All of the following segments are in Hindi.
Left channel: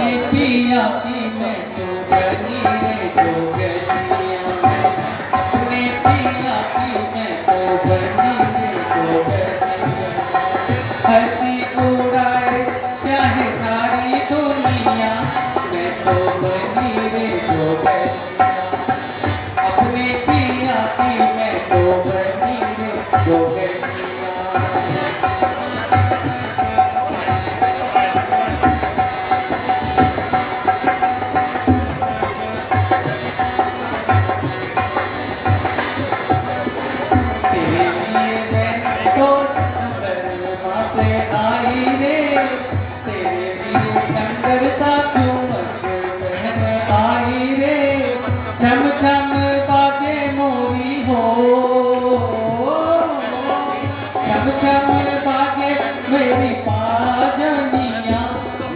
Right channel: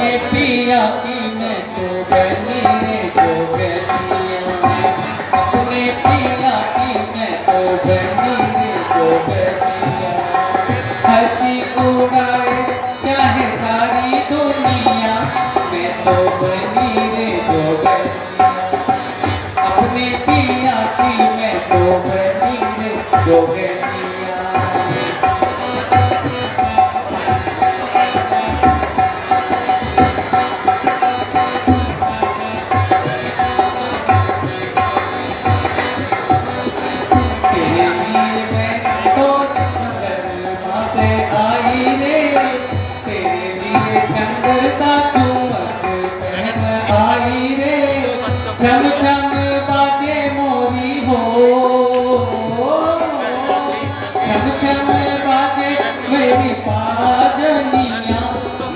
अपने पिया की मैं तो बनी रे जोगनिया, अपने पिया की मैं तो बनी रे जोगनिया। हंसी उड़ाए चाहे सारी दुनिया, मैं तो बनी रे जोगनिया, अपने पिया की मैं तो बनी रे जोगनिया। झम झम बाजे मोरी हो, झम झम बाजे मेरी पाजनिया,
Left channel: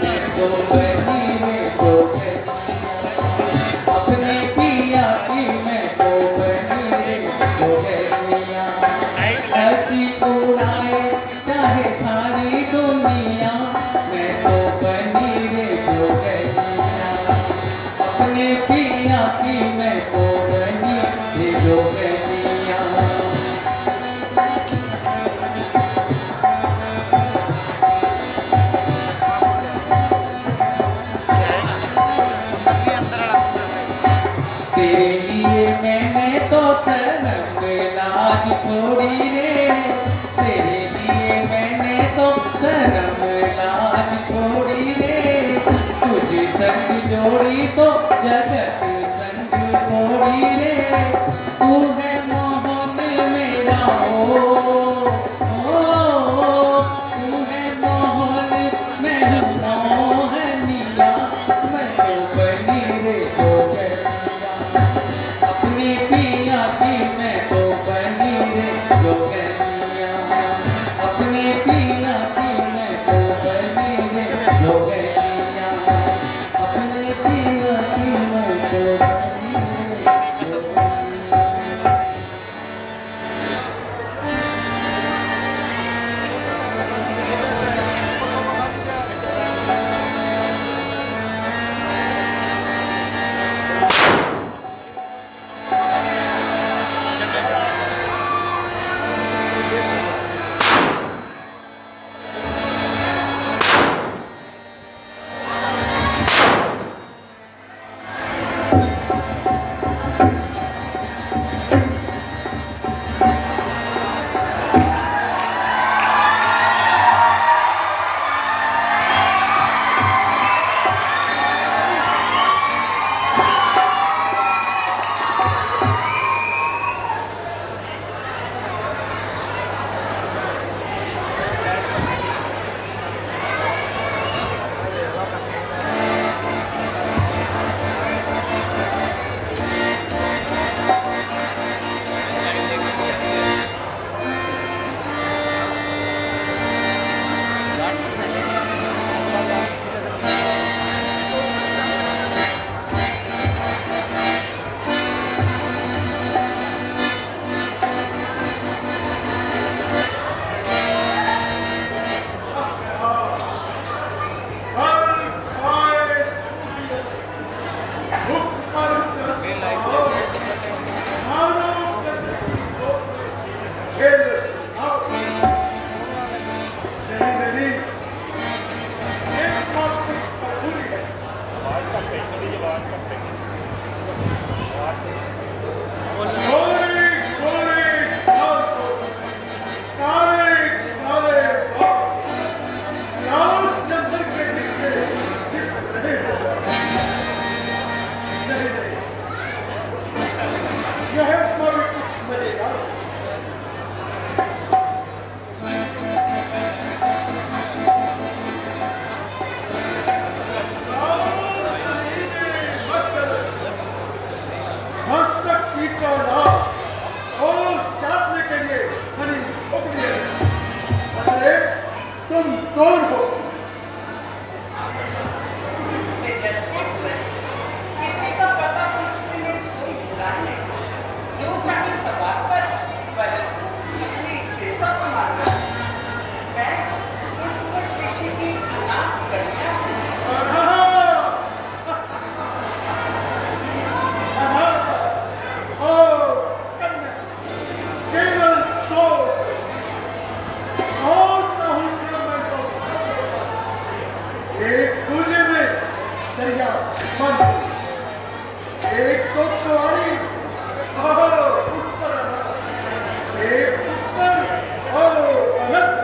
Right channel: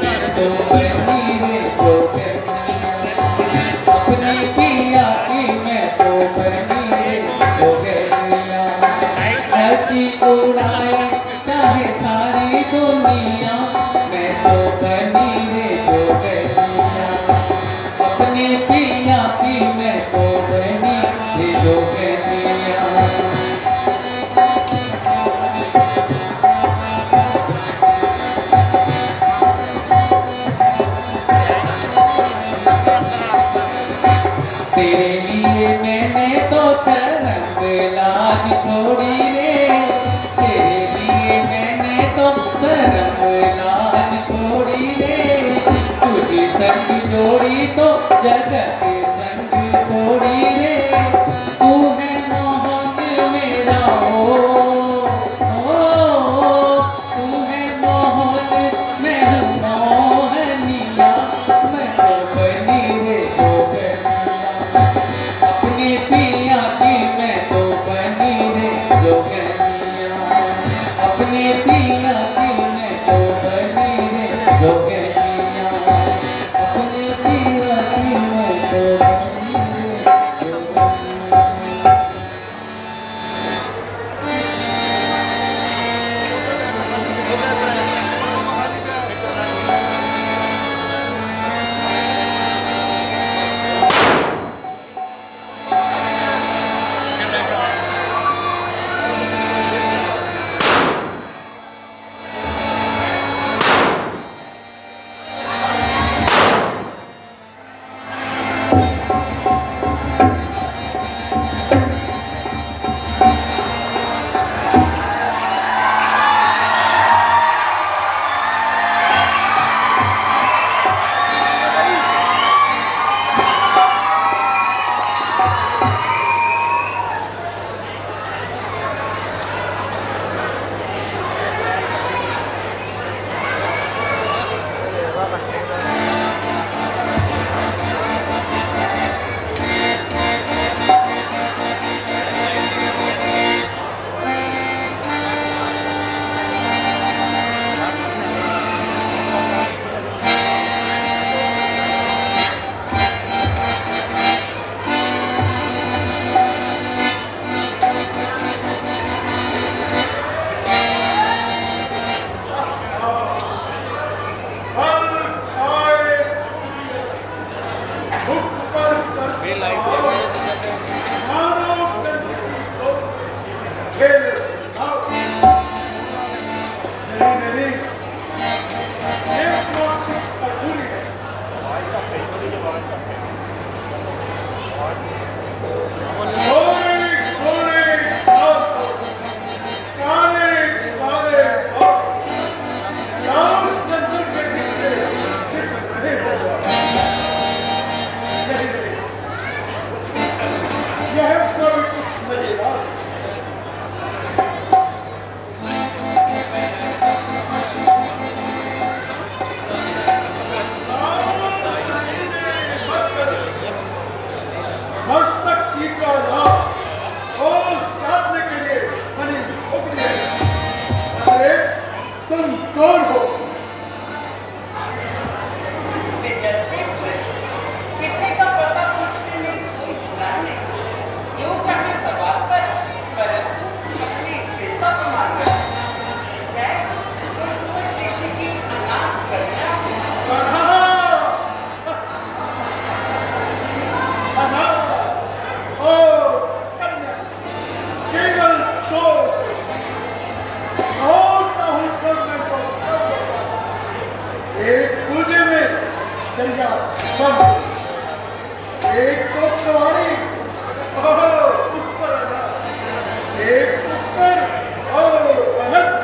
मैं तो बनी रे जोगनिया, अपने पिया की मैं तो बनी रे जोगनिया। हंसी उड़ाए चाहे सारी दुनिया, मैं तो बनी रे जोगनिया, अपने पिया की मैं तो बनी रे जोगनिया। तेरे लिए मैंने तो सरंग लाज छोड़ी रे, तेरे लिए मैंने तो सरंग लाज छोड़ी रे। तुझे संग जोड़ी तो जगत संग तोड़ी रे, तू है मोहन मेरा हो, तू है मोहन मैं हूँ मोहनिया, मैं तो बनी रे जोगनिया, अपने पिया की मैं तो बनी रे जोगनिया, अपने पिया की मैं तो बनी रे जोगनिया, अपने पिया की मैं तो बनी रे दरिया बंद। एक तो छवाड़ी उत्तर, एक उत्तर और अनंत।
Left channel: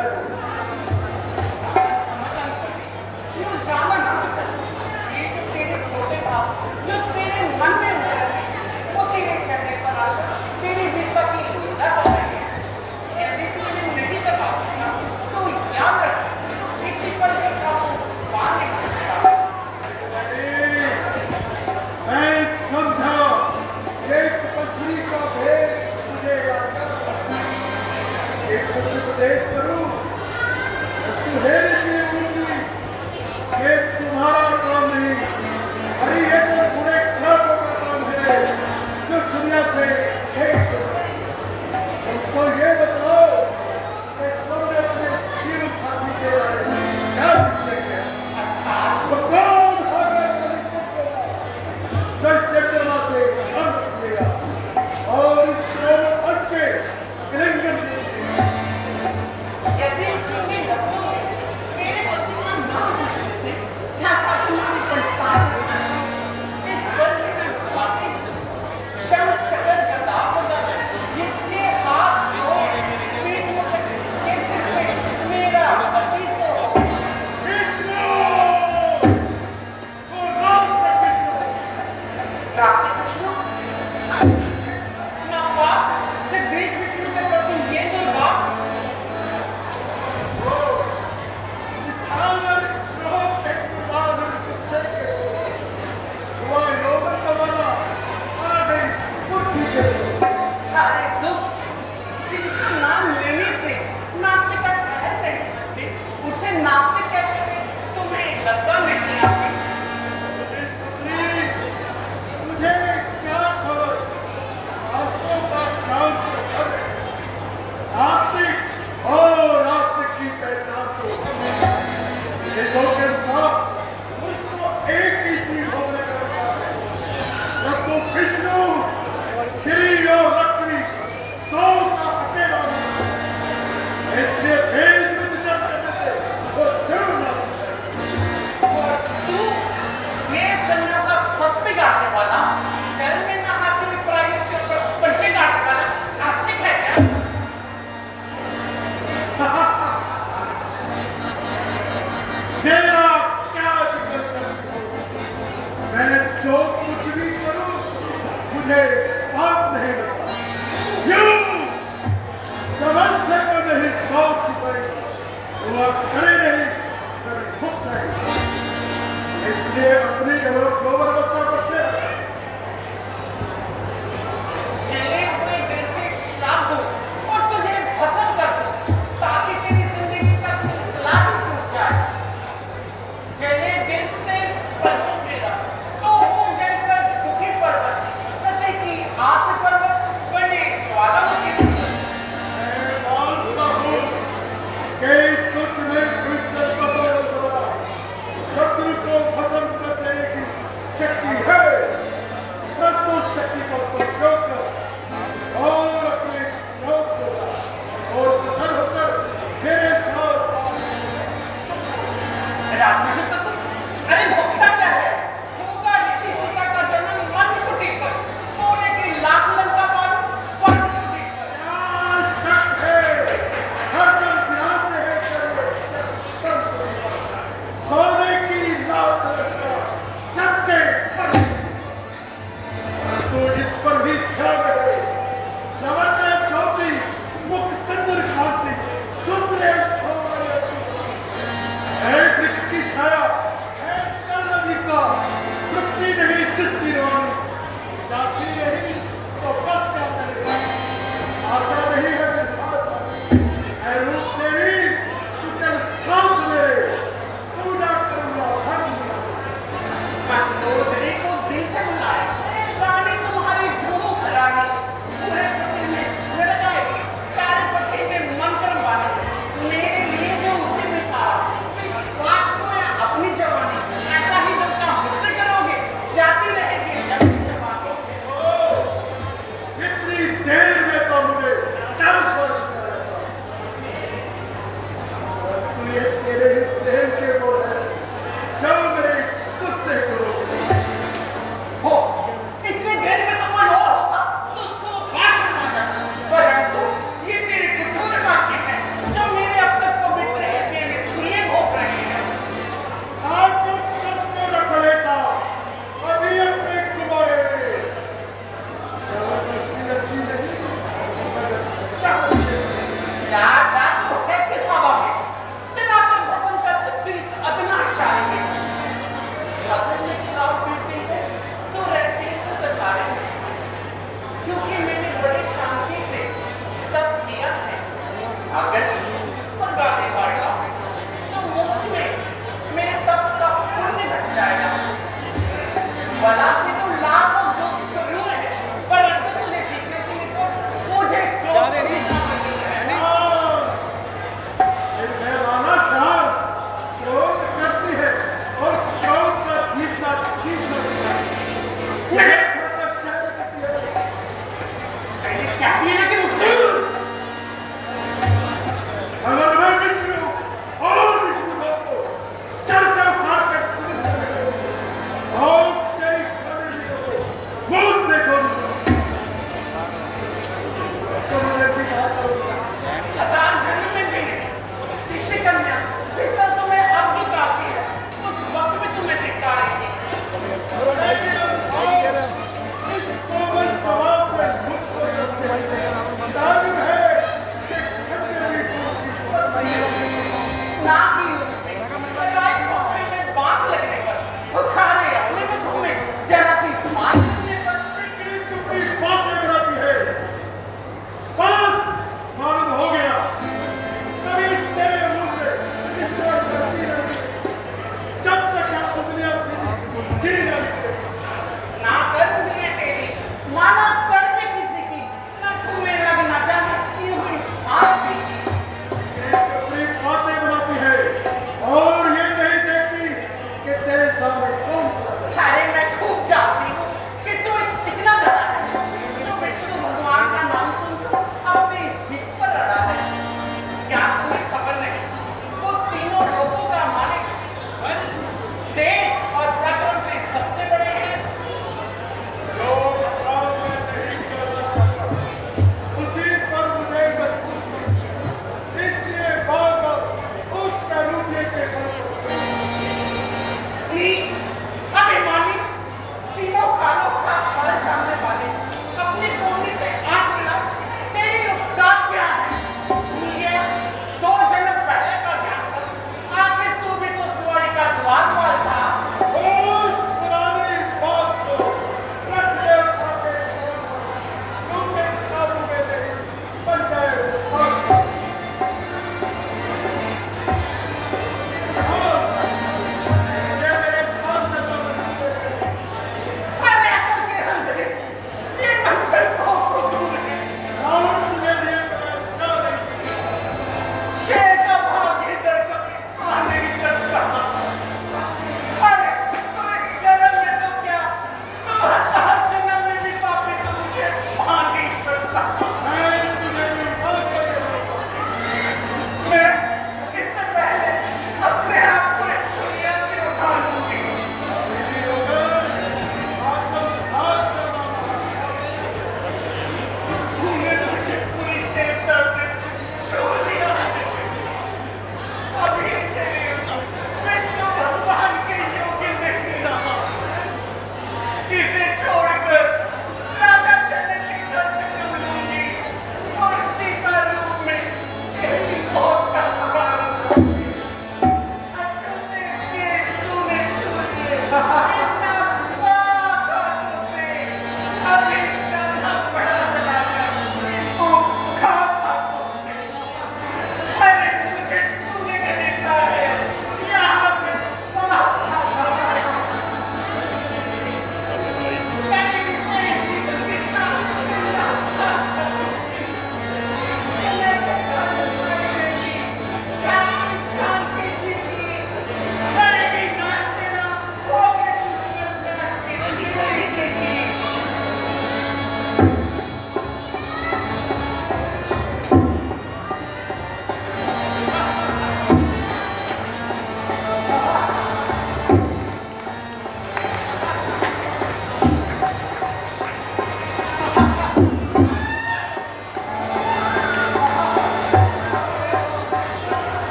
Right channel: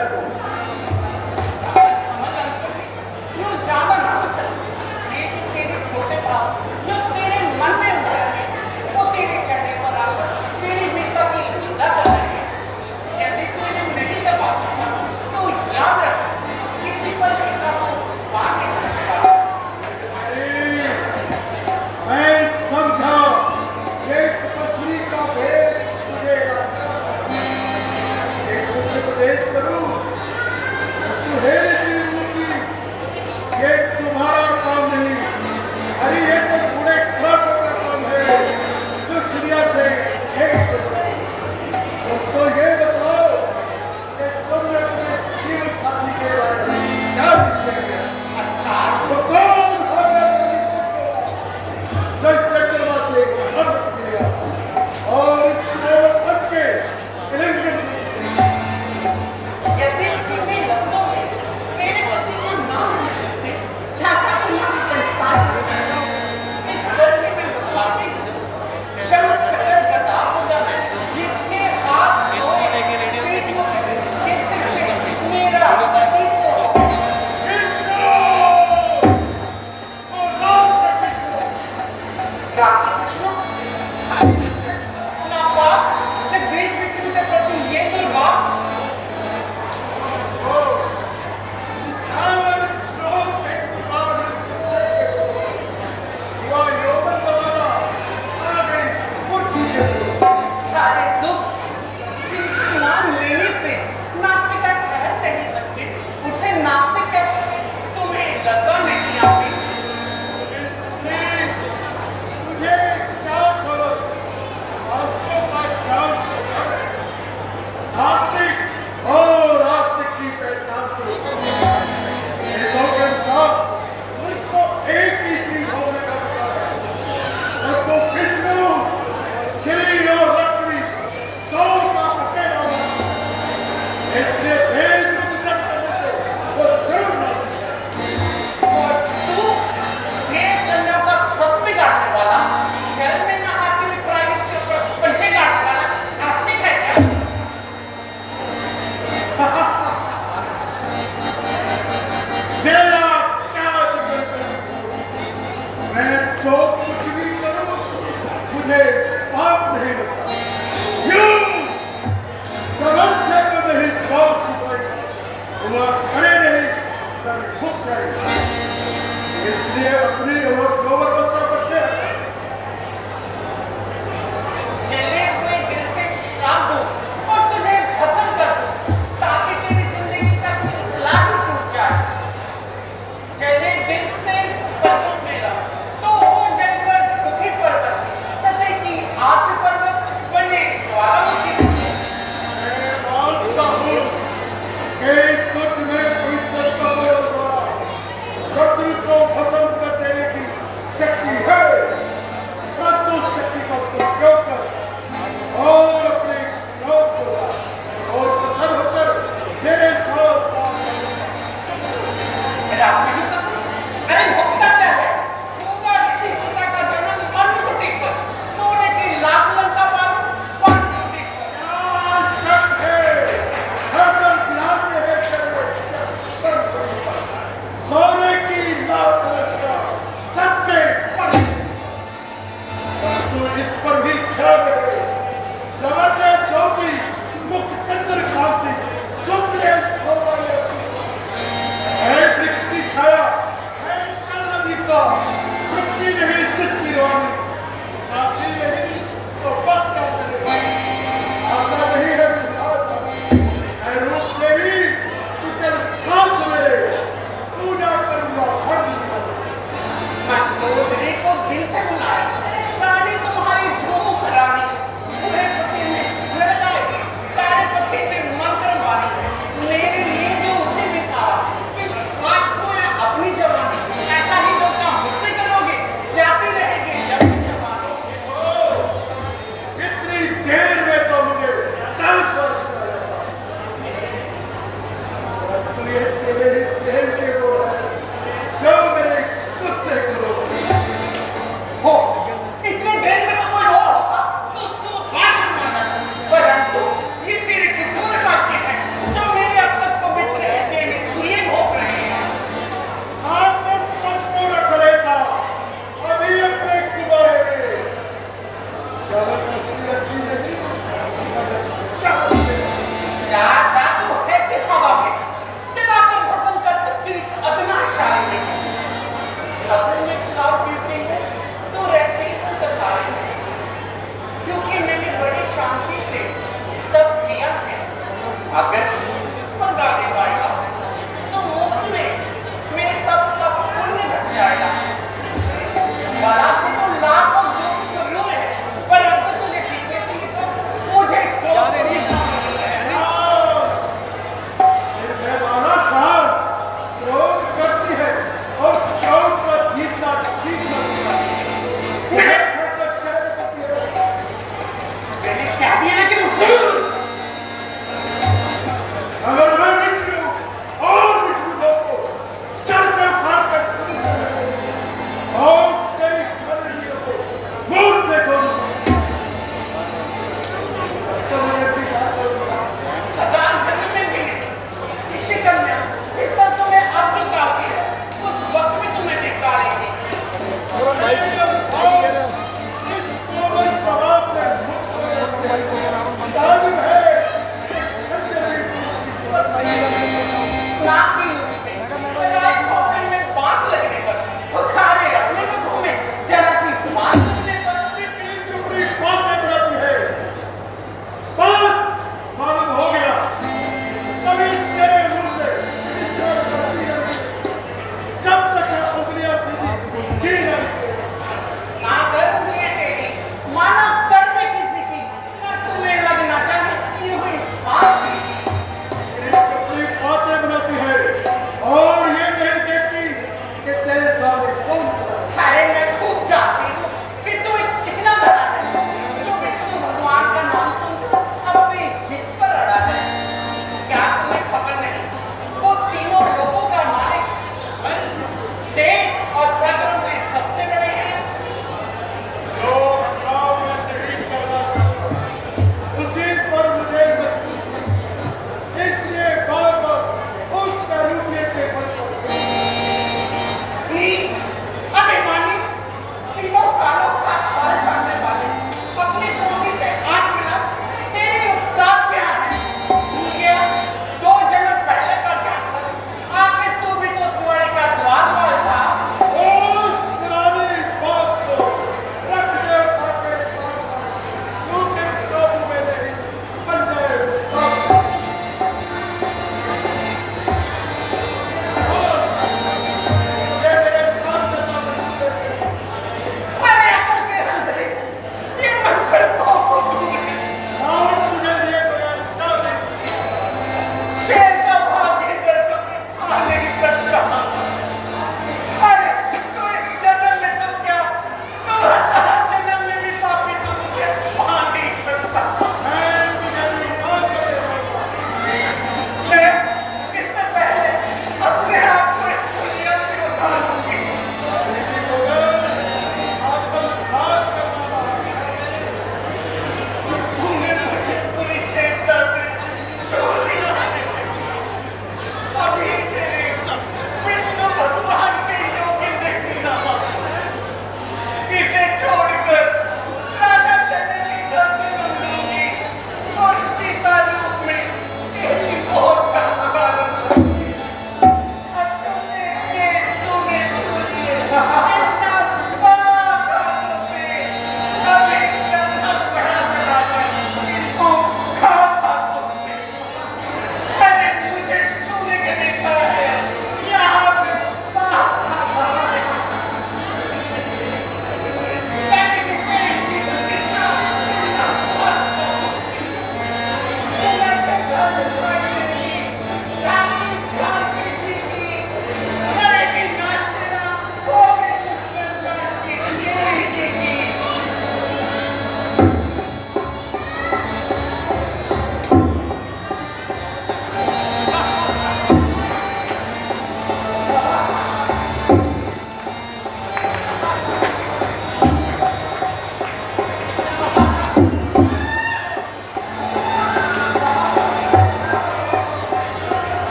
उपदेश करूं ये तुम्हारा काम नहीं, अरे ये तो पूरे क्लब का काम है जो दुनिया से तुमको ये बताओ कि तुमने अपने जीवन साथी के बारे में क्या निश्चय तो कौन से हम रखिएगा और इस पद के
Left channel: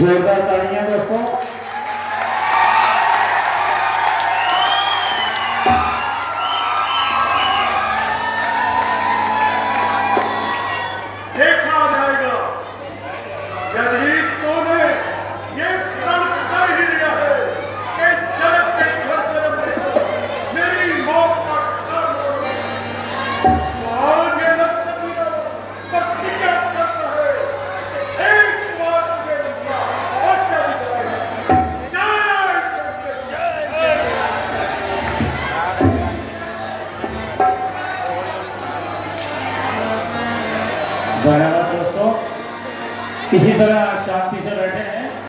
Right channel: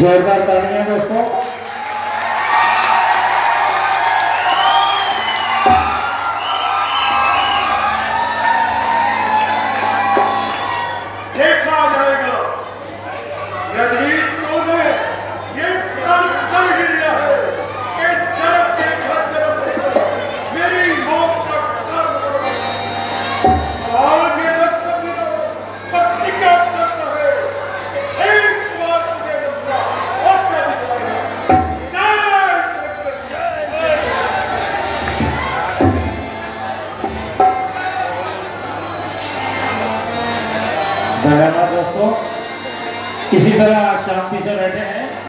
जोरदार तालियां दोस्तों।